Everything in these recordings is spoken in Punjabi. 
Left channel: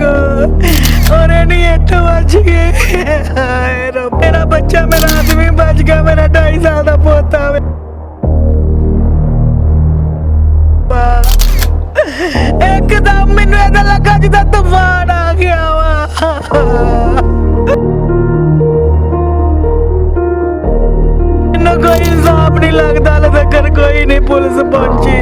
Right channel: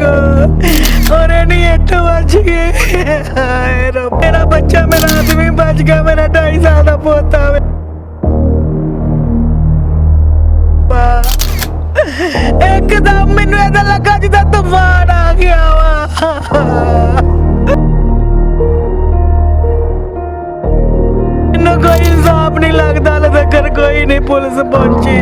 ਕੋ। ਔਰੇ ਨਹੀਂ ਇੱਟ ਵੱਜ ਗਏ। ਹਾਏ ਰੱਬ। ਮੇਰਾ ਬੱਚਾ, ਮੇਰਾ ਆਦਮੀ ਬਚ ਗਿਆ, ਮੇਰਾ 2.5 ਸਾਲ ਦਾ ਪੋਤਾ ਵੇ। ਬਾ ਇੱਕਦਮ ਮੈਨੂੰ ਇਹਦਾ ਲੱਗਾ ਜਿੱਦਾਂ ਮੈਨੂੰ ਕੋਈ ਇਨਸਾਫ ਨਹੀਂ ਲੱਗਦਾ, ਹਲੇ ਤੱਕ ਕੋਈ ਨਹੀਂ ਪੁਲਿਸ ਪਹੁੰਚੀ।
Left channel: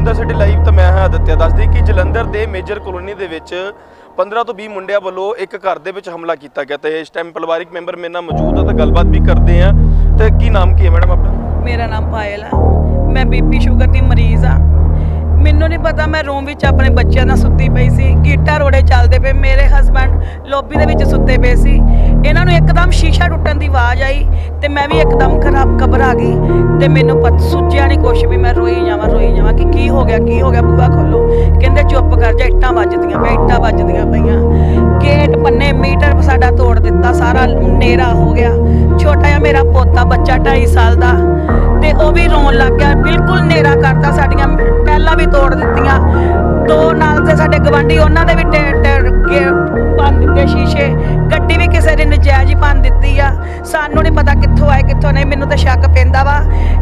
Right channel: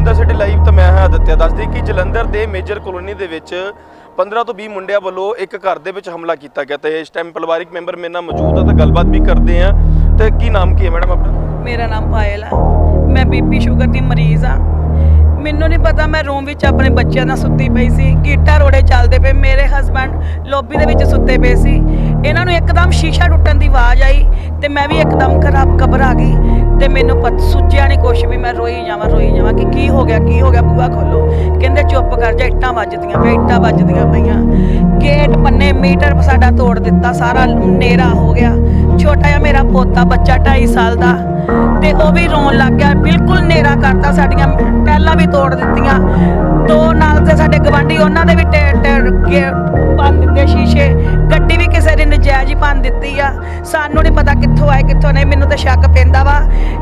ਜਲੰਧਰ ਸਿਟੀ ਲਾਈਵ ਤਾਂ ਮੈਂ ਹਾਂ ਆਦਿਤਿਆ, ਦੱਸਦੀ ਕਿ ਜਲੰਧਰ ਦੇ ਮੇਜਰ ਕਲੋਨੀ ਦੇ ਵਿੱਚ 15 ਤੋਂ 20 ਮੁੰਡਿਆਂ ਵੱਲੋਂ ਇੱਕ ਘਰ ਦੇ ਵਿੱਚ ਹਮਲਾ ਕੀਤਾ ਗਿਆ ਤੇ ਇਸ ਟਾਈਮ ਪਰਿਵਾਰਿਕ ਮੈਂਬਰ ਮੇਰੇ ਨਾਲ ਮੌਜੂਦ ਆ ਤਾਂ ਗੱਲਬਾਤ ਵੀ ਕਰਦੇ ਆ। ਤੇ ਕੀ ਨਾਮ ਕੀ ਹੈ ਮੈਡਮ ਆਪਣਾ? ਮੇਰਾ ਨਾਮ ਪਾਇਲ ਆ। ਮੈਂ ਬੀਪੀ ਸ਼ੂਗਰ ਦੀ ਮਰੀਜ਼ ਆ। ਮੈਨੂੰ ਨਹੀਂ ਪਤਾ ਮੈਂ ਰੂਮ ਵਿੱਚ ਆਪਣੇ ਬੱਚਿਆਂ ਨਾਲ ਸੁੱਤੀ ਪਈ ਸੀ, ਗੀਟਾ ਰੋੜੇ ਚੱਲਦੇ ਪਏ, ਮੇਰੇ ਹਸਬੰਡ ਲੌਬੀ ਦੇ ਵਿੱਚ ਸੁੱਤੇ ਪਏ ਸੀ। ਇਹਨਾਂ ਨੂੰ ਇੱਕਦਮ ਸ਼ੀਸ਼ਾ ਟੁੱਟਣ ਦੀ ਆਵਾਜ਼ ਆਈ ਤੇ ਮੈਂ ਵੀ ਇੱਕਦਮ ਖਰਾਬ ਘਬਰਾ ਗਈ ਤੇ ਮੈਨੂੰ ਪਤ, ਸੁੱਜਿਆ ਨਹੀਂ ਕੁਛ ਵੀ, ਮੈਂ ਰੋਈ ਜਾਵਾਂ ਰੋਈ ਜਾਵਾਂ ਕਿ ਕੀ ਹੋ ਗਿਆ, ਕੀ ਹੋ ਗਿਆ ਬੂਆ ਖੋਲੋ। ਕਹਿੰਦੇ ਚੁੱਪ ਕਰ ਜਾ, ਇੱਟਾਂ ਵੱਜਦੀਆਂ ਪਈਆਂ, ਇੱਟਾਂ ਵੱਜਦੀਆਂ ਪਈਆਂ। ਗੇਟ ਪੰਨੇ ਮੀਟਰ ਸਾਡਾ ਤੋੜ ਦਿੱਤਾ, ਸਾਰਾ ਨੇਰਾ ਹੋ ਗਿਆ। ਛੋਟਾ ਜਿਹਾ ਮੇਰਾ ਪੋਤਾ ਬੱਚਾ 2.5 ਸਾਲ ਦਾ ਤੇ ਉਹ ਵੀ ਰੋਣ ਲੱਗ ਗਿਆ, ਬਿਲਕੁਲ ਨੇਰਾ ਕਰਤਾ ਸਾਡੀਆਂ ਟੈਲਾਂ ਵੀ ਤੋੜ ਦਿੱਤੀਆਂ। ਦੋ ਨਾਲ ਤੇ ਸਾਡੇ ਗਵਾਂਢੀ ਉਹਨਾਂ ਦੇ ਵੀ ਭੰਨ ਦਿੱਤੇ ਸ਼ੀਸ਼ੇ। ਗੱਡੀ ਵੀ ਕਿਸੇ ਨੇ ਨਜਾਇਜ਼ ਹੀ ਭੰਨ ਦਿੱਤੀ ਆ। ਸਾਨੂੰ ਨਹੀਂ ਪਤਾ ਕਿੱਥੋਂ ਆਏ ਕਿੱਥੋਂ ਨਹੀਂ। ਮੈਨੂੰ ਤਾਂ ਸ਼ੱਕ ਪੈਂਦਾ ਵਾ।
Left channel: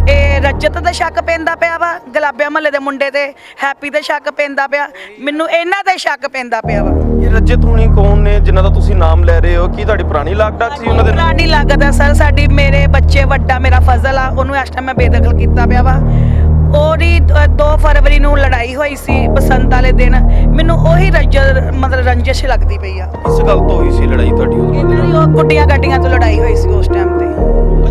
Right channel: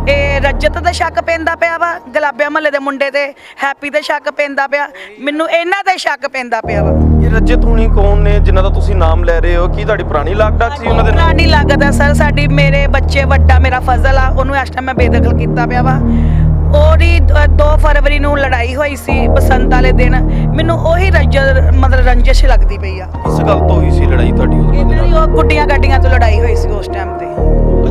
ਇਹ ਰੱਜਤ ਤੇ ਸ਼ੱਕ ਪੈਂਦਾ ਪਿਆ ਵਾ ਗੁਲਾਬੀਆ ਮਹੱਲੇ ਦੇ ਮੁੰਡੇ ਤੇ ਹੈਪੀ ਤੇ ਸ਼ੱਕ ਪੈਂਦਾ ਪਿਆ। ਮੈਨੂੰ ਇਹਨਾਂ ਤੇ ਸ਼ੱਕ ਪੈਂਦਾ ਪਿਆ ਵਾ। ਇਹ ਰਜਤ ਹੁਣੀ ਕੌਣ ਨੇ ਜਿਨ੍ਹਾਂ ਦਾ ਤੁਸੀਂ ਨਾਮ ਲੈ ਰਹੇ ਹੋ? ਕੀ ਤੁਹਾਡੀ ਪੁਰਾਣੀ ਲਾਗ ਡਾਕ ਸੀ ਉਹਨਾਂ ਦੇ ਪੁਰਾਣੀ ਲੱਗਦਾ ਸਰ। ਸਾਡੀ ਮੇਰੇ ਬੱਚੇ ਵੱਡਾ ਮੇਰਾ ਫਜ਼ਲ ਆ। ਉਹਨੂੰ ਇਸ ਟਾਈਮ ਮੈਂ ਬੇਦਖਲ ਕੀਤਾ ਪਿਆ ਵਾ। ਉਹਦੀ 2 ਫਰਵਰੀ ਨੂੰ ਲੜਾਈ ਹੋਈ ਸੀ ਬਸੰਤ ਵਾਲੇ ਦਿਨ। ਮੈਨੂੰ ਉਹੀ ਰੰਜਰ ਮਤਲਬ ਰੰਜਿਸ਼ ਲੱਗਦੀ ਪਈ ਆ। ਕਿਸ ਗੱਲ ਤੋਂ ਹੋਈ ਸੀ ਲੜਾਈ ਤੁਹਾਡੀ ਉਹਦੇ ਇਹਨਾਂ ਦੀ ਨਾਲ ਉਹ ਗੁੱਡੀਆਂ ਗੱਡੀਆਂ ਤੋਂ ਲੜਾਈ ਹੋਈ ਸੀ ਉਸ ਟਾਈਮ ਤੇ।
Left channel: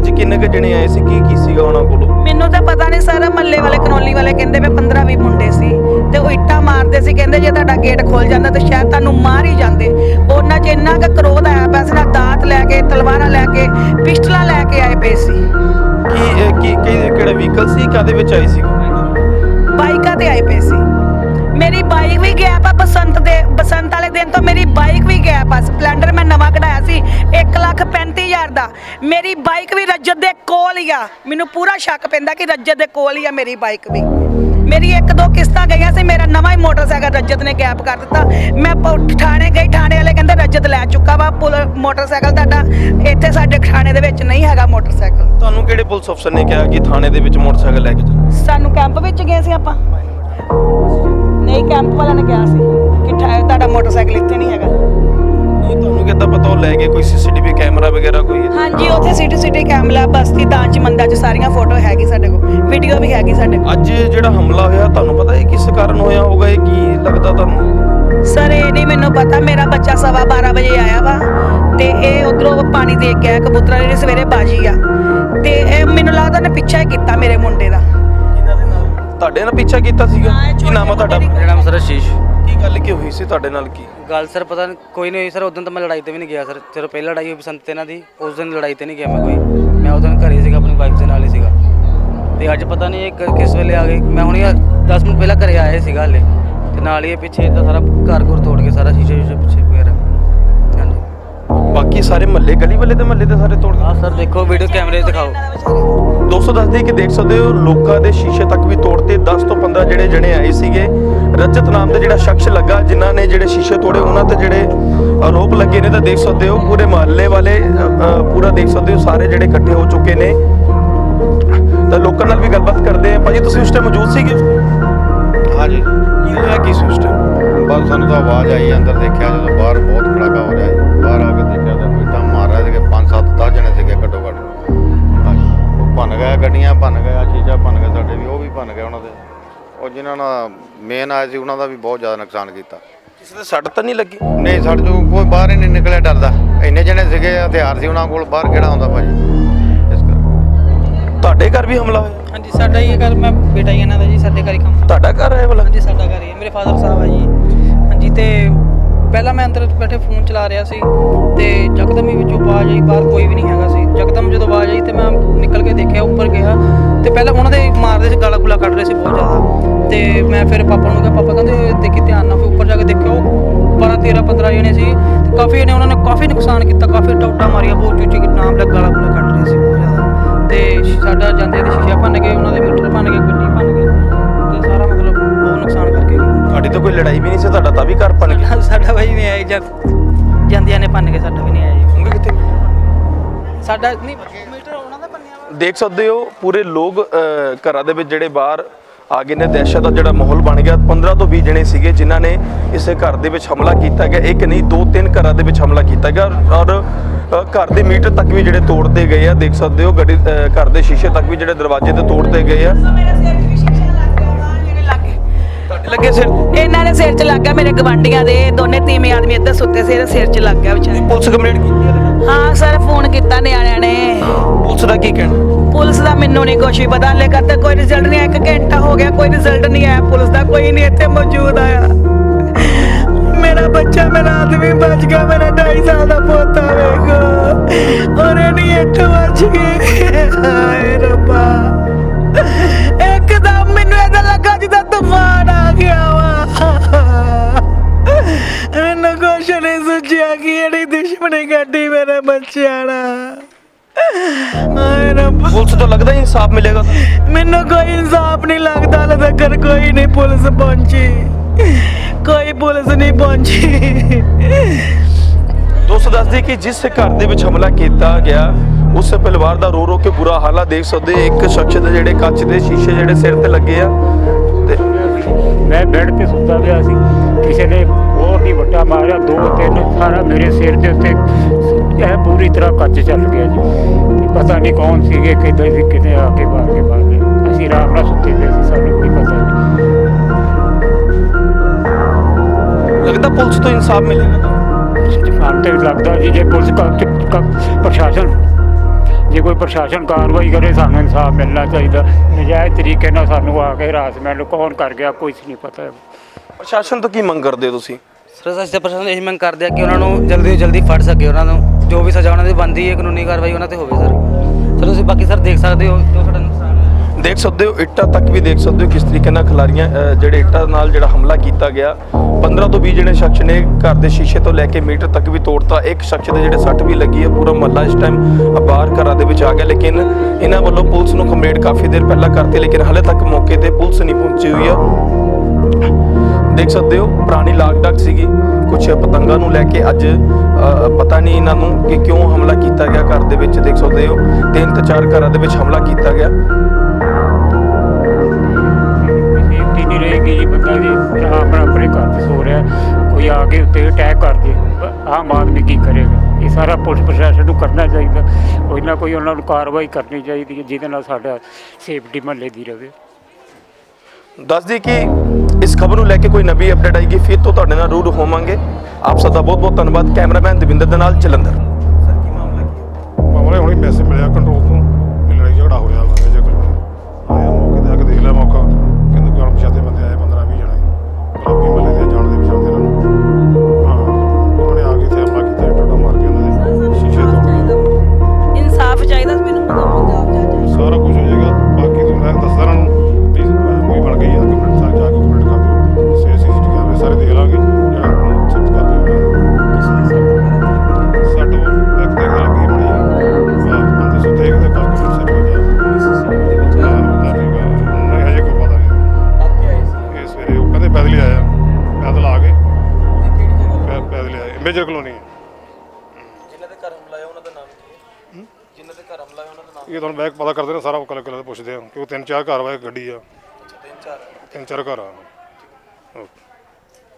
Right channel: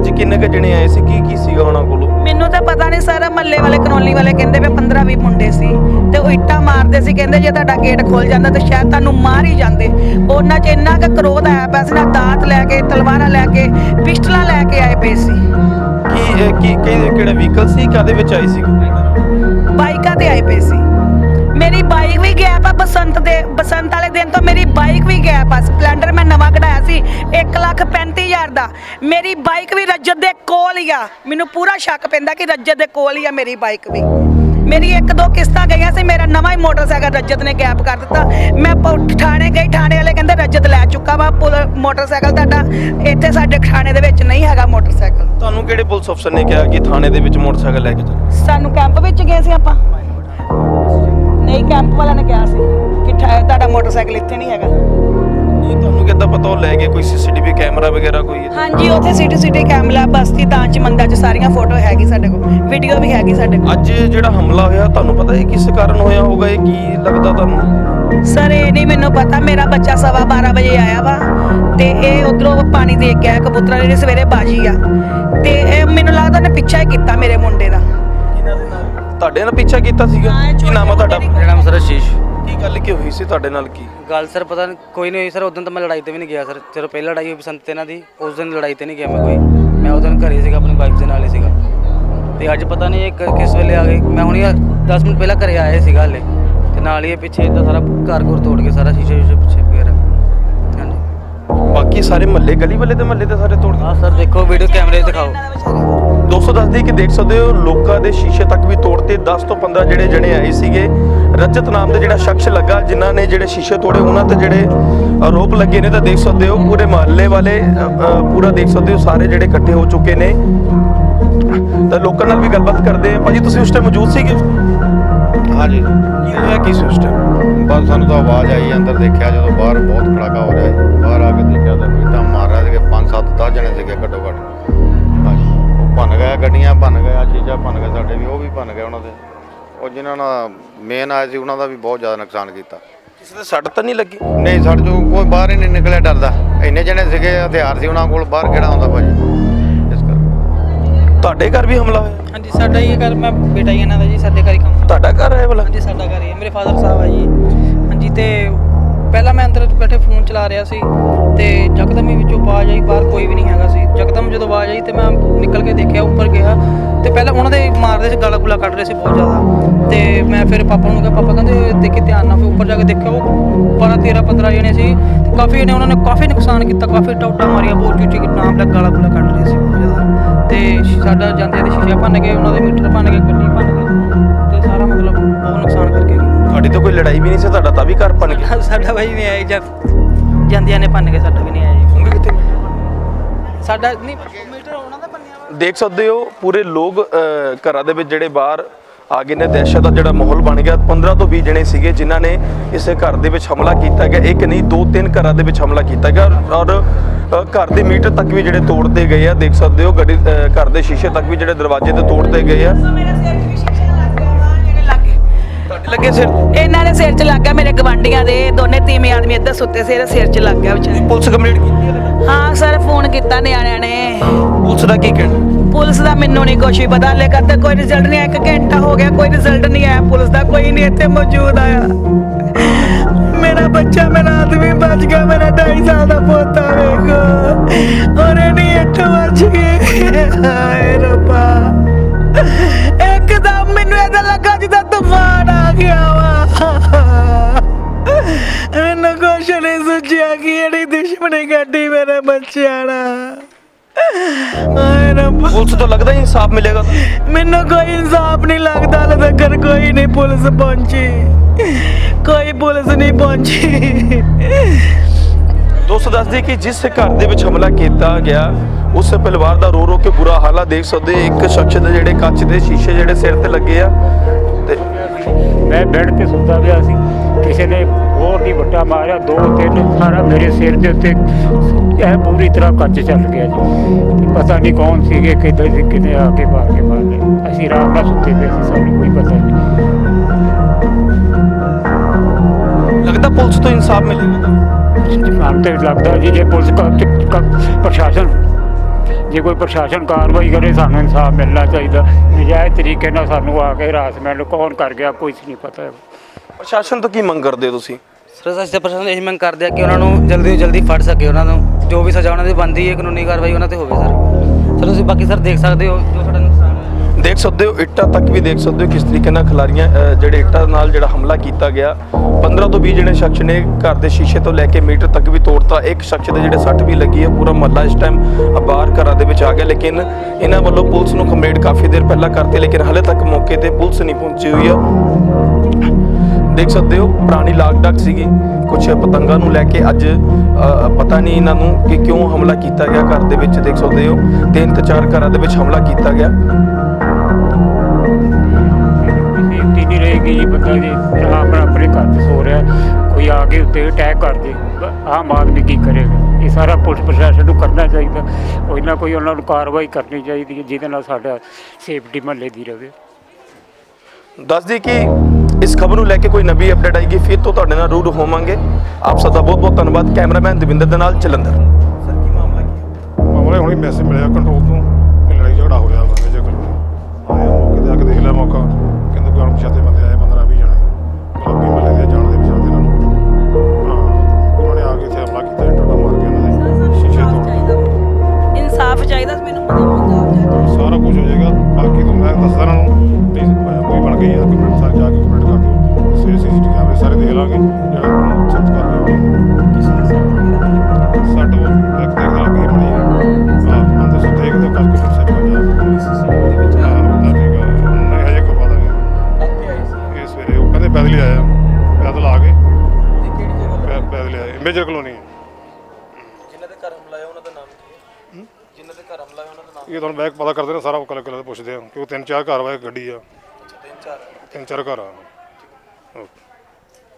ਅੱਜ ਕਿੰਨੇ ਕੁ ਜਣੇ ਆਏ ਸੀ? ਕੀ ਕੀ ਸੀਗਾ ਉਹਨਾਂ ਕੋਲੋਂ? ਮੈਨੂੰ ਤਾਂ ਪਤਾ ਨਹੀਂ ਸਰ ਮੱਲੇ ਵਾਲੇ ਕਨੋਲੀ ਵਾਲੇ ਕਹਿੰਦੇ ਵੀ 15 20 ਮੁੰਡੇ ਸੀ ਤੇ ਉਹ ਇੱਟਾਂ ਮਾਰਦੇ ਸੀ ਕਹਿੰਦੇ ਜੇ ਤੁਹਾਡਾ ਗੇਟ ਖੁੱਲ ਜਾਂਦਾ ਤੇ ਸ਼ਾਇਦ ਤੁਹਾਨੂੰ ਮਾਰ ਹੀ ਜਾਂਦੇ। ਉਹਨਾਂ 'ਚ ਇੰਨਾ ਕੁ ਕਰੋਧ ਆਇਆ ਪਿਆ ਸੀ ਨਾ ਦਾਤ ਲੈ ਕੇ ਤਲਵਾਰਾਂ ਲੈ ਕੇ ਪਿਸਟਲਾਂ ਲੈ ਕੇ ਆਏ ਪਏ ਸੀ। ਕੀ ਇਹ ਕੀ ਕਿਹੜੇ ਕਿਹੜੇ ਵਹੀਕਲ ਸੀ? ਕਾਦੇ ਵਿੱਚ ਆਏ ਸੀ? ਬਾਈਕਾਂ ਤੇ ਆਏ ਪਏ ਸੀ। ਮੇਰੀ ਬਾਈਕ ਵੀ ਗੈਪ ਆ ਬਸੰਤ ਦੇ ਬਸੰਤ ਵਾਲੇ ਦਿਨ ਤੋਂ ਮੇਰੀ ਬਾਈਕ ਵੀ ਗੈਪ ਆ। ਸਪਲੈਂਡਰ ਮੈਂ ਨਵਾਂ ਕਢਾਇਆ ਸੀ 135000 ਦਾ। ਮੇਰੀ ਬਾਈਕ ਵੀ ਰੱਜਤ ਦੇ ਕੋਲ ਹੀ ਆ। ਮੈਨੂੰ ਪੂਰਾ ਸ਼ੱਕ ਪੈਂਦਾ ਕਿ ਰੱਜਤ ਦੇ ਕੋਲ ਹੀ ਆ ਮੇਰੀ ਬਾਈਕ ਵੀ। ਮੇਰੀ ਇੱਕ ਦੋ ਕਿਸ਼ਤਾਂ ਗਈਆਂ ਸੀ ਮੇਰਾ ਨਵਾਂ ਹੀ ਮੋਟਰਸਾਈਕਲ ਰੱਜਤ ਨੇ ਗੈਪ ਕਰ ਦਿੱਤਾ। ਮੈਂ ਥਾਣੇ ਗਈ ਥਾਣੇ ਵਾਲੇ ਕਹਿੰਦੇ ਰੱਜਤ ਲੈ ਚੁੱਕਾ ਵਾ ਮੋਟਰਸਾਈਕਲ ਤੁਹਾਡਾ। ਇੱਥੇ ਸਾਡੇ ਥਾਣੇ ਦੇ ਵਿੱਚ ਨਹੀਂ ਹੈਗਾ ਮੋਟਰਸਾਈਕਲ। ਤੁਹਾਨੂੰ ਕਿਹੜੇ ਪੁਲਿਸ ਅਫਸਰ ਨੇ ਕਿਹਾ ਕਿ ਥਾਣੇ ਦੇ ਵਿੱਚ ਮੋਟਰਸਾਈਕਲ ਲੈ ਕੇ ਚੱਲੋ? ਸਾਨੂੰ ਕੈਂਪ ਵਿੱਚ ਗਏ ਸੀ ਆਪਾਂ। ਨਹੀਂ ਕੈਂਪ ਵਾਲਾ ਨੇ ਕਿਹਾ ਸੀ ਕਿ ਠਾ- ਤੁਹਾਡਾ ਮੋਟਰਸਾਈਕਲ ਇੱਥੇ ਨਹੀਂ ਹੈਗਾ। ਨਹੀਂ ਤੁਹਾਨੂੰ ਕਿੱਦਾਂ ਪਤਾ ਉਹ ਲੈ ਗਏ ਕੋਈ ਸੀਸੀਟੀਵੀ ਕੈਮਰਾ ਵਗੈਰਾ ਕੋਈ? ਹਾਂਜੀ ਉੱਥੇ ਸਿਟੀ ਸਿਟੀ ਕੈਮਰਾ ਬਸਤੀ ਦਾਂਚ ਮੰਦਾ ਚ ਸਾਰੀਆਂ ਫੋਟੋ ਹੈਗੀ ਸਾਡੇ ਕੋਲ ਵੀਡੀਓ ਵੀ ਹੈਗੀ ਸਾਡੇ ਕੋਲ। ਅੱਜ ਜਿਹੜਾ ਹਮਲਾ ਹੋਇਆ ਤੁਹਾਨੂੰ ਪਤਾ ਇਹ ਕਿਸ ਕਾਰਨ ਹੋਇਆ ਹੋਗਾ ਇਹ ਕੀ ਲੱਗਦਾ ਤੁਹਾਨੂੰ? ਸਰ ਇਹ ਨਹੀਂ ਮੈਨੂੰ ਪਤਾ ਮੇਰਾ ਬੱਚਾ ਸਵਾ 12 ਵਜੇ ਆਇਆ ਵਾ ਤੇ ਇਹ ਉਧਰੋਂ ਪਾਣੀ ਦੇ ਕੇ ਆਇਆ ਕਬੂਤਰਾਂ ਦੀ ਸਵੇਰੇ ਬਾਜੀ ਆ। ਤੇ ਇਹ ਮੈਨੂੰ ਲੱਗਦਾ ਨੇ ਪਿੱਛਾ ਹੀ ਕੀਤਾ ਮੇਰੇ ਮੁੰਡੇ ਦਾ। ਤੁਹਾਡੇ ਨਾਲ ਪਿੱਛਾ ਕੀਤਾ ਸੀਗਾ? ਹਾਂ, ਇਹ ਕੀ ਨਾਮ ਆ ਤੁਹਾਡਾ? ਮੇਰਾ ਨਾਮ ਸਰ ਅਸ਼ੀਸ਼। ਕੀ ਗੱਲ ਕੀ ਹੋਈ ਸੀ ਤੁਹਾਡੇ ਨਾਲ ਕੀ? ਗੱਲ ਸਰ ਪਤਾ ਨਹੀਂ ਕੋਈ ਨਹੀਂ ਹੋਈ ਸਰ ਉਦੋਂ ਤਾਂ ਮੈਂ ਲੜਾਈ ਤੇ ਵੀ ਨਹੀਂ ਗਿਆ ਸਰ। ਜਦੋਂ ਪਹਿਲਾਂ ਲੜਾਈ ਹੋਈ ਬਸੰਤ ਤੇ ਇਹਨਾਂ ਦੀ ਉਸ ਦਿਨ ਲੜਾਈ ਤੇ ਨਹੀਂ ਗਿਆ ਮੈਂ ਕੋਈ। ਮੈਂ ਉਸ ਦਿਨ ਘਰੇ ਸੀਗਾ ਆਪਣੀ ਵਾਈਫ ਦੇ ਨਾਲ ਹੀ ਸੀਗਾ। ਤੇ ਅੱਜ ਪਤਾ ਨਹੀਂ ਇਹ ਕ- ਕਿਸ ਵੇਲੇ ਆ ਗਏ। ਮੈਂ ਹੁਣੀ 10 ਮਿੰਟ ਪਹਿਲਾਂ ਘਰੇ ਆਇਆ ਸੀਗਾ ਹਲੇ। ਤੇ ਨਾਲ ਹੀ ਇਹ ਪਿੱਛੇ ਇਦਾਂ ਸਾਰਾ ਘਰ ਘਰ ਤੋੜ ਕੇ ਸਾਰਾ ਸ਼ੀਸ਼ੇ ਸ਼ੀਸ਼ੇ ਪਿੱਛੇ ਵਗੈਰਾ। ਬਾਕੀ ਸਾਰੇ ਮਹੱਲੇ ਗਲੀ ਵਾਲੇ ਤੇ ਮਹੱਲੇ ਤੇ ਸਾਰੇ ਤੋੜ ਗਏ ਆਹ ਸਰ ਦੇਖੋ ਵੀਡੀਓ ਕੈਮਰੇ 'ਚ ਦਿਖਾਓ। ਦੋਸਤੋ ਦੱਸਦੀ ਕਿ ਦੇਖ ਸਕਦੇ ਹੋ ਲੋਕਾਂ ਦੇ ਸ਼ੀਸ਼ੇ ਤੱਕ ਵੀ ਤੋੜਤੇ 10 ਤੋਂ 15 ਜਿਹੜੇ ਜਣੇ ਆਏ ਸੀਗੇ। ਰਜਤ ਨਾਮ ਦੇ ਜਿਹੜਾ ਸ਼ਖਸ ਲੱਗਾ ਜਿਨ੍ਹਾਂ ਨੇ ਜਿਹੜੇ ਸ਼ੀਸ਼ੇ ਤੋੜੇ ਉਹਨਾਂ ਤੇ ਜਿਹੜੇ ਆਰੋਪ ਲੱਗੇ ਨੇ ਤਾਂ ਦੇਖ ਸਕਦੇ ਹੋ ਪੂਰੇ ਮਹੱਲੇ ਵਾਲੇ ਪੂਰਾ ਦੇਖ ਸਕਦੇ ਹੋ ਸਾਰੇ ਜਿਹੜੇ ਇਕੱਠੇ ਹੋ ਚੁੱਕੇ ਨੇ। ਤਾਂ ਲੋਕਾਂ ਨਾਲ ਵੀ ਗੱਲਬਾਤ ਕਰਦੇ ਆ ਭਾਜੀ ਤੁਸੀਂ ਉਸ ਟਾਈਮ ਮੌਜੂਦ ਸੀਗੇ? ਹਾਂਜੀ। ਕੀ ਹੋਇਆ ਕੀ ਸੀ ਉਸ ਟਾਈਮ ਬਸ ਸਾਨੂੰ ਤਾਂ ਆਵਾਜ਼ ਆਈ ਅੰਦਰ ਦੇਖਿਆ ਜਦੋਂ ਬਾਹਰ ਬਹੁਤ ਖੜਾਕਾ ਹੋ ਰਿਹਾ ਸੀ। ਬਾਹਰ ਆ ਕੇ ਦੇਖਿਆ ਤਾਂ ਇੱਟਾਂ ਮਾਰ ਰਿਹਾ ਸੀਗੇ 5 7 10 ਜਣੇ ਸੀਗੇ ਘੱਟੋ ਘੱਟ। ਹਾਂਜੀ। ਉਹ ਭੰਨ ਗਿਆ ਗੱਡੀਆਂ ਭੰਨ ਗਿਆ ਚੀਜ਼ਾਂ ਭੰਨ ਗਏ ਸਾਡੇ ਵੀ ਉਹ ਵੀ ਭੰਨ ਗਏ ਉਹਨਾਂ ਦੇ। ਉਹ ਜਿਨ੍ਹਾਂ ਨਾਲ ਮੇਨ ਆਏ ਸੀ ਉਹਨਾਂ ਦਾ ਵੀ ਬਹੁਤ ਜ਼ਿਆਦਾ ਨੁਕਸਾਨ ਕੀਤਾ। ਕਿਸੇ ਦੇ ਸੱਟ ਤਾਂ ਨਹੀਂ ਲੱਗੀ? ਨਹੀਂ ਸਾਡੇ ਚੋਂ ਕੋਈ ਬਾਹਰ ਹੀ ਨਹੀਂ ਨਿਕਲਿਆ ਡਰਦਾ। ਇੰਨੇ ਜਣੇ ਸੀਗੇ ਹਥਿਆਰ ਸੀ ਉਹਨਾਂ ਕੋਲ ਬਾਹਰ ਕਿਹੜਾ ਆਉਂਦਾ ਭਾਜੀ? ਇਸ ਕਰਕੇ। ਤੁਹਾਡੇ ਘਰ ਵੀ ਹਮਲਾ ਹੋਇਆ? ਹਾਂਜੀ ਸਾਡਾ ਹੀ ਘਰ ਮੈਂ ਬੇਟਾ ਹੀ ਇਹਨਾਂ ਦਾ ਜੀ ਸਾਡੇ ਘਰ ਹੀ ਕੰਮ ਤੁਹਾਡਾ ਘਰ ਹੈ ਵਾਲਾ? ਹਾਂਜੀ ਸਾਡਾ ਘਰ ਹੀ ਹੈ ਮੇਰੇ ਫਾਦਰ ਸਾਹਿਬ ਆ ਜੀ। ਹਾਂਜੀ ਤੇ ਪਹਿਲਾਂ ਮੈਂ ਅੰਦਰ ਬੈਠੇ ਫੋਨ ਚਲਾ ਰਿਹਾ ਸੀ ਤੇ ਯਕਦਮ ਹੀ ਵਿੱਚੋਂ ਆਵਾਜ਼ ਆਈ, ਬਾਹਰ ਕੋਈ ਵੀ ਨਹੀਂ ਹੈਗਾ ਸੀ। ਯਕਦਮ ਜਦੋਂ ਆਵਾਜ਼ ਆਈ ਤੇ ਮੈਂ ਨਿਕਲ ਕੇ ਦੇਖਿਆ, ਉੱਪਰ ਗਿਆ ਤੇ ਪਹਿਲਾਂ ਉਹਨਾਂ ਦੇ ਮਾਰਦੇ ਸੀ, ਗਾਲਾ ਗੁਲਾ ਕੱਢ ਰਹੇ ਸੀ ਬਹੁਤ ਜ਼ਿਆਦਾ। ਤੇ ਮੈਂ ਫਿਰ ਪਾਪਾ ਨੂੰ ਕਿਹਾ, ਪਾਪਾ ਕਹਿੰਦੇ ਦੇਖੀ ਧਿਆਨ ਨਾਲ, ਫਿਰ ਉੱਪਰ ਜਾ ਕੇ ਦੇਖਿਆ, ਉਹ 12 13 15 ਜਣੇ ਸੀ ਤੇ ਕਾਫੀ ਨੇ, ਉਹਨਾਂ ਨੇ ਕਾਫੀ ਨੁਕਸਾਨ ਕੀਤਾ, ਕਾਫੀ ਟੌਟਾ ਮਾਰੀਆਂ, ਬਹੁਤ ਚੂਚੀ ਨਾਮ ਲੱਗ ਗਾਲਾ ਗੁਲਾ ਕੱਢ ਰਹੇ ਸੀ, ਬਹੁਤ ਜ਼ਿਆਦਾ। ਤੇ ਸ਼- ਸਾਡਾ ਜਾਂਦੇ ਦੇ ਸ਼ੀਸ਼ੇ ਭੰਨ ਗਏ ਉਹਨਾਂ ਦੇ ਮੀਟਰ ਭੰਨ ਗਏ ਗੱਡੀ ਭੰਨ ਗਏ ਤੇ ਸਾਰਾ ਮਤਲਬ ਬਹੁਤ ਨੁਕਸਾਨ ਕਰਕੇ ਗਏ। ਤੁਹਾਡੀ ਤਾਂ ਕੋਈ ਲੜਾਈ ਵੀ ਨਹੀਂ ਸੀ ਤੁਹਾਡਾ ਤਾਂ ਵੀ ਘਰ ਬਣ ਗਿਆ ਸਾਡਾ- ਸਾਡਾ ਨਹੀਂ ਆਇਆ ਜਾਂ ਜਾਂਦਿਆਂ ਨੇ ਭੰਨ ਕੇ ਸਾਡਾ ਵੀ ਨਹੀਂ ਆਇਆ ਜੀ। ਹੋਣਗੇ ਕਿੱਥੇ? ਸਾਡਾ ਨਹੀਂ ਮੀਟਰ ਉਹਨਾਂ ਦਾ ਭੰਨਿਆ ਵਾ। ਦੇਖ ਸਕਦੇ ਹੋ ਪੂਰੇ ਲੋਕ ਅਹ, ਘਰਾਂ ਦੇ ਵਿੱਚ ਜਿਹੜੇ ਬਾਹਰ ਆ ਗਏ ਨੇ ਦਹਿਸ਼ਤ ਦਾ ਜਿਹੜਾ ਮਾਹੌਲ ਬਣ ਗਿਆ। 15 ਤੋਂ 20 ਜਣੇ ਸੀਗੇ ਜਿਨ੍ਹਾਂ ਨੇ ਇਸੇ ਘਰ ਦੇ ਵਿੱਚ ਹਮਲਾ ਕੀਤਾ ਗਿਆ। ਇੱਕ ਨਹੀਂ ਦੋ ਤਿੰਨ ਘਰਾਂ ਦੇ ਵਿੱਚ ਹਮਲਾ ਕੀਤਾ ਗਿਆ। ਔਰ ਅਹ, ਘਰ ਦੇ ਮੀਟਰ ਤੱਕ ਵੀ ਜਿਹੜੇ ਤੋੜਦੇ ਗਏ ਆ ਦੇਖ ਸਕਦੇ ਹੋ ਗੱਡੀ ਅਹ, ਘਰ ਦੇ ਸ਼ੀਸ਼ੇ ਤੱਕ ਵੀ ਜਿਹੜੇ ਦਰਵਾਜ਼ੇ ਤੇ ਤੋੜਦੇ ਗਏ ਆ। ਲੱਗੇ ਸਿਰ। ਇਹਨਾਂ ਦੇ ਸਿਰ 'ਚ ਲੱਗ ਗਿਆ ਮੇਰੇ ਗਵਾਂਢੀਆਂ ਦੇ। ਦੋਨੇ ਤੀਵੇਂ ਆਦਮੀ ਇੱਧਰ ਸੁੱਤੇ ਸੀ ਇਹਦੇ ਸਿਰ 'ਚ ਲੱਗ ਗਿਆ ਵਿਚਾਰੇ। ਪੁਲਿਸ ਕੰਪਲੇਂਟ ਕੀਤੀ ਨਾਲ? ਹਾਂ ਸਰ ਫੋਨ ਕੀਤਾ ਨਿਆਣਿਆਂ ਨੇ। ਪੁਲਿਸ ਦਾ ਕੀ ਕਹਿਣਾ? ਪੁਲਿਸ ਦਾ ਮੈਨੂੰ ਨਹੀਂ ਕੁਛ ਵੀ ਪਤਾ। ਹਲੇ ਤੱਕ ਕੋਈ ਰਿਜ਼ਲਟ ਨਹੀਂ ਆਇਆ? ਇੱਕ ਘੰਟਾ ਹੋ ਗਿਆ ਕੋਈ ਰਿਜ਼ਲਟ ਨਹੀਂ ਆਇਆ। ਪੁਲਿਸ ਦਾ ਕੋਈ ਨਹੀਂ ਇੱਥੇ ਮੌਜੂਦ ਆਇਆ। ਮੇਰਾ ਬੱਚਾ ਮੇਰਾ ਆਦਮੀ ਬਚ ਗਿਆ। ਮੇਰਾ 2.5 ਸਾਲ ਦਾ ਪੋਤਾ ਵੇਖੋ। ਔਰ ਇਹ ਨਹੀਂ ਇੱਥੇ ਵੱਜ ਗਏ। ਹਾਏ ਰੱਬਾ। ਗਿਆ ਵਾ। ਮੈਨੂੰ ਕੁਛ ਨਹੀਂ ਸੁਝਿਆ ਕਿ ਇਹਦੀ ਦੁਸ਼ਮਣੀ ਕੱਢੀ ਮੇਰੇ ਬੱਚਿਆਂ ਨਾਲ। ਰੱਬਾ। ਪੁਲਿਸ ਤੋਂ ਲੱਗਦਾ ਹੀ ਇਨਸਾਫ ਮਿਲੇਗਾ ਮੈਨੂੰ ਕੋਈ ਇਨਸਾਫ ਨਹੀਂ ਲੱਗਦਾ ਹਲੇ ਤੱਕ ਕੋਈ ਨਹੀਂ ਪੁਲਿਸ ਪਹੁੰਚੀ। ਕੋਈ ਪੁਲਿਸ ਨਹੀਂ ਪਹੁੰਚੀ। ਦੋਸਤੋ ਦੱਸਦੀ ਕਿ ਜਿਸ ਘਰ ਦੇ ਵਿੱਚ ਹਮਲਾ ਕੀਤਾ ਗਿਆ ਉਸ ਪਰਿਵਾਰ ਦਾ ਰੋ ਰੋ ਕੇ ਬੁਰਾ ਹਾਲਾ ਦੇਖ ਸਕਦੇ। ਇੱਕ ਸ਼ਖਸ ਦੇ ਜਿਹੜੇ ਕੱਚ ਦੇ ਸ਼ੀਸ਼ੇ ਜਿਹੜੇ ਸਿਰ ਤੇ ਲੱਗੇ ਆ ਮੈਂ ਬੈੱਡ ਤੇ ਸੁੱਤਾ ਪਿਆ ਸੀ। ਕਿਸੇ ਨੇ ਬਹੁਤ ਹੀ ਵੱਡਾ ਮਾਰਿਆ ਦੋ ਤਿੰਨ ਸਾਰਾ ਮੇਰੇ ਸਿਰ ਦੇ ਉੱਤੇ ਇਹ ਪੂਰੀ ਤਰ੍ਹਾਂ ਕੱਚ ਚੱਲ ਗਿਆ ਜੀ। ਤੇ ਪਤਾ ਨਹੀਂ ਕੌਣ ਸੀਗੇ ਕਿੱਦਾਂ ਸੀ ਕਿਨੇ ਆ ਕੇ ਮਾਰ ਕੇ ਮਾਰ ਲਿਆ। ਅਸੀਂ ਆਰਾਮ ਨਾਲ ਸੁੱਤੇ ਪਏ ਸੀ ਸਾਨੂੰ ਕੋਈ ਪਤਾ ਨਹੀਂ। ਲੱਗਦਾ ਪੁਲਿਸ ਤੋਂ ਇਨਸਾਫ ਮਿਲੇਗਾ। ਤਾਂ ਸਾਨੂੰ ਤੇ ਲੱਗਦਾ ਜੀ ਜੇ ਪੁਲਿਸ ਪ੍ਰਸ਼ਾਸਨ ਜੇ ਕੋਈ ਪ੍ਰਸ਼ਾਸਨ ਕਾਰਵਾਈ ਕਰੇ ਸਾਨੂੰ ਇਨਸਾਫ ਮਿਲਣਾ ਚਾਹੀਦਾ। ਨਜਾਇਜ਼ ਤਰੀਕੇ ਨਾਲ ਸਾਨੂੰ ਆ ਕੇ ਹਰਾਸਮੈਂਟ ਕੌਣ ਕਰ ਗਿਆ ਕੁਝ ਨਹੀਂ ਪਤਾ। ਪ੍ਰਸ਼ਾਸਨ ਤੋਂ ਕੀ ਮੰਗ ਕਰਦੇ ਹੋ ਤੁਸੀਂ? ਸਰ ਅਸੀਂ ਤਾਂ ਪ੍ਰਸ਼ਾਸਨ ਇਹ ਮੰਗ ਕਰਦੇ ਆ ਕਿ ਉਹਨਾਂ ਨੂੰ ਜਲਦੀ ਤੋਂ ਜਲਦੀ ਫੜ ਸਕੇ ਉਹਨਾਂ ਨੂੰ। ਜੋ ਵੀ ਸਜ਼ਾ ਉਹਨਾਂ ਦੀ ਬਣਦੀ ਹੈ ਕਾਨੂੰਨੀ ਕਾਰਵਾਈ ਉਹਨਾਂ ਤੇ ਹੋਵੇ ਸਰ। ਸਰ ਤੁਸੀਂ ਬਾਕੀ ਸਰ ਦੇਖ ਸਕਦੇ ਹੋ ਜੋ ਸਾਡਾ ਦੇਖ ਸਕਦੇ ਹੋ, ਇੱਟਾਂ ਤੱਕ ਵੀ ਦੇਖ ਸਕਦੇ ਹੋ ਕਿਸ ਤਰੀਕੇ ਨਾਲ ਖਿਲਾਰੀਆਂ ਜਿਹੜੇ ਇੱਟਾਂ ਨਾਲ ਜਿਹੜਾ ਹਮਲਾ ਕੀਤਾ ਗਿਆ। 15 ਤੋਂ 20 ਜਿਹੜੇ ਸ਼ਖਸ ਨੇ ਘਰ ਦੇ ਸ਼ੀਸ਼ੇ ਤੋਂ ਲੈ ਕੇ ਮੀਟਰ ਤੱਕ ਵੀ ਤੋੜਤਾ। ਇੱਕ ਸ਼ਖਸ ਦੇ ਜਿਹੜੇ ਸੱਟ ਵੀ ਲੱਗੀ ਹੈ, ਪੂਰਾ ਮਹੱਲਾ ਇਸ ਟਾਈਮ ਬਾਹਰ ਘਰਾਂ ਦੇ ਵਿੱਚ ਆ ਗਿਆ। ਲੇਕਿਨ ਇਹਨਾਂ ਵੱਲੋਂ ਪੁਲਿਸ ਨੂੰ ਕੰਪਲੇਂਟ ਕਾਫੀ ਦੇਰ ਪਹਿਲਾਂ ਕਰਤੀ, ਲੇਕਿਨ ਹਲੇ ਤੱਕ ਮੌਕੇ ਤੇ ਪੁਲਿਸ ਨਹੀਂ ਪਹੁੰਚੀ ਹੋਈ ਆ। ਦੇਖ ਸਕਦੇ ਹੋ, ਪੁਰਾਣੀ ਲਾਗ ਡਾਕ ਸੀਗੀ। ਕੁਝ ਪਤੰਗਾਂ ਨੂੰ ਲੈ ਕੇ ਅੱਜ ਪਤਾ ਨਹੀਂ ਇਹਨਾਂ ਨੂੰ ਕਿ ਕਿਉਂ ਹਮਲਾ ਕੀਤਾ ਗਿਆ। ਘਰ ਦੇ ਵਿੱਚ ਦੇਖ ਸਕਦੇ ਹੋ, ਤਿੰਨ ਤੇ ਚਾਰ ਘਰਾਂ ਦੇ ਵਿੱਚ ਹਮਲਾ ਕੀਤਾ ਗਿਆ। ਨਹੀਂ ਰਹੇਗੀ ਜੀ ਬੰਦਾ ਜੀ ਨਾਲ ਆਪਣੇ ਘਰ 'ਚ ਸੋ ਰਿਹਾ ਕੋਈ ਆ ਕੇ ਉੱਤੇ ਅਟੈਕ ਕਰ ਜੇ ਬ- ਆਮ ਆਦਮੀ ਕੀ ਕਰੇਗਾ? ਇਹ ਸਾਰਾ ਪੁਲਿਸ ਪ੍ਰਸ਼ਾਸਨ ਨੂੰ ਕਰਨਾ ਚਾਹੀਦਾ। ਕੋਈ ਨਾ ਕੋਈ ਉਹਨਾਂ ਨੂੰ ਕਾਰਵਾਈ ਕਰਨੀ ਚਾਹੀਦੀ ਹੈ ਜਿਹਦੇ ਨਾਲ ਸਾਡਾ ਸੇਫਟੀ ਮਹੱਲੇ ਦੀ ਰਵੇ। ਦੱਸ ਦੀ ਕਿ ਇਸ ਖਬਰ ਨੂੰ ਲੈ ਕੇ ਕੋਈ ਨਵੀਂ ਅਪਡੇਟ ਆਏਗੀ ਫਿਰ ਤੋਂ ਤੁਹਾਡੇ ਨਾਲ ਰੂਡ ਹੋਵਾਂਗੇ। ਆਪ ਸਭ ਦਾ ਬਹੁਤ ਬਹੁਤ ਧੰਨਵਾਦ। ਕੈਮਰਾਮੈਨ ਦਵਿੰਦਰ ਦੇ ਨਾਲ ਜਲੰਧਰ। ਸਰ ਕੀ ਮਾਮਲਾ ਕੀ ਹੈ? ਮਾਮਲੇ ਹੁਣੇ ਮੈਸੇਜ ਮਿਲਿਆ ਕੰਟਰੋਲ ਤੋਂ ਕਿ ਲੜਾਈ ਝਗੜਾ ਹੋ ਰਿਹਾ ਵਾ ਮੇਜਰ ਕੋਲ ਆਇਆ ਮੌਕੇ ਤੇ ਆ ਕੇ ਦੇਖ ਲਿਆ ਮੌਕਾ। ਕਹਿੰਦੇ ਕੋਈ ਅਣਪਛਾਤੇ ਬੰਦੇ ਆਏ 15 20 ਜਣੇ। ਗੁਲਾਬੀ ਮੱਲੇ ਦੇ ਜਾਣਦੇ ਪਛਾਣਦੇ ਇਹਨਾਂ ਨੂੰ ਹਾਂ ਉਹਨਾਂ ਨੇ ਆ ਕੇ ਇੱਥੇ ਹਮਲਾ ਕੀਤਾ ਟੋਟਾ ਮਾਰ ਕੇ ਇਹਨਾਂ ਦੇ ਸ਼ੀਸ਼ੇ ਤੋੜ ਦਿੱਤੇ। ਇਨਸਾਫ ਚਾਹੀਦਾ ਮੈਨੂੰ ਪੰਜਾਬ ਜਾ ਜਾ ਸਾਰਾ ਕੁਝ ਹੋ ਜਾਏਗਾ। ਬਾਕੀ ਤੋਂ ਮੈਂ ਦੱਸਦਾ ਇਹਨਾਂ ਨੂੰ ਪਲੀਜ਼ ਮੂਵੀ ਬਣ ਗਈ ਆ ਕਮੈਂਟ ਸਾਰੇ ਜਾ ਕੇ ਕਮੈਂਟ ਕਰ ਦਿਓ। ਸੇ ਸੀਸੀਟੀਵੀ ਕੈਮਰੇ ਸਾਰੇ ਦੇਖ ਲਾਂਗੇ ਜਿਹੜਾ ਚੈੱਕ ਕਰ ਲਿਓ ਸੱਟ ਉਹ ਦੇਖ ਦੇਖ ਲੱਗੀ ਬਣੀ ਹਾਂ ਅੰਦਰ ਸੁੱਤੇ ਇੱਕ ਦੇ ਕੱਲ ਫਿਰ ਸੱਟ ਵਜਾ ਮੇਜਰ ਕਲੋਨੀ ਜਿਨ੍ਹਾਂ ਦੇ ਘਰ ਹਮਲਾ ਆਇਆ ਉਹਨਾਂ ਦਾ ਨਾਮ ਕੀ ਹੈ? ਜਿਨ੍ਹਾਂ ਦੇ ਘਰ ਹਮਲਾ ਆਇਆ ਉਹਨਾਂ ਦਾ ਨਾਮ ਇਹ ਤੁਹਾਨੂੰ ਬੈਕ ਪਤਾ ਕਰਦੇ ਨੇ ਸਾਰਾ ਕਲਰ ਕਲਰ ਪੁੱਛਦੇ ਆ ਕਿਉਂਕਿ ਤਿੰਨ ਚਾਰ ਘਰ ਵਾ ਇੱਕ ਗੱਡੀ ਆ। ਤਿੰਨ ਚਾਰ ਤਿੰਨ ਚਾਰ ਘਰ ਆ। ਓਕੇ।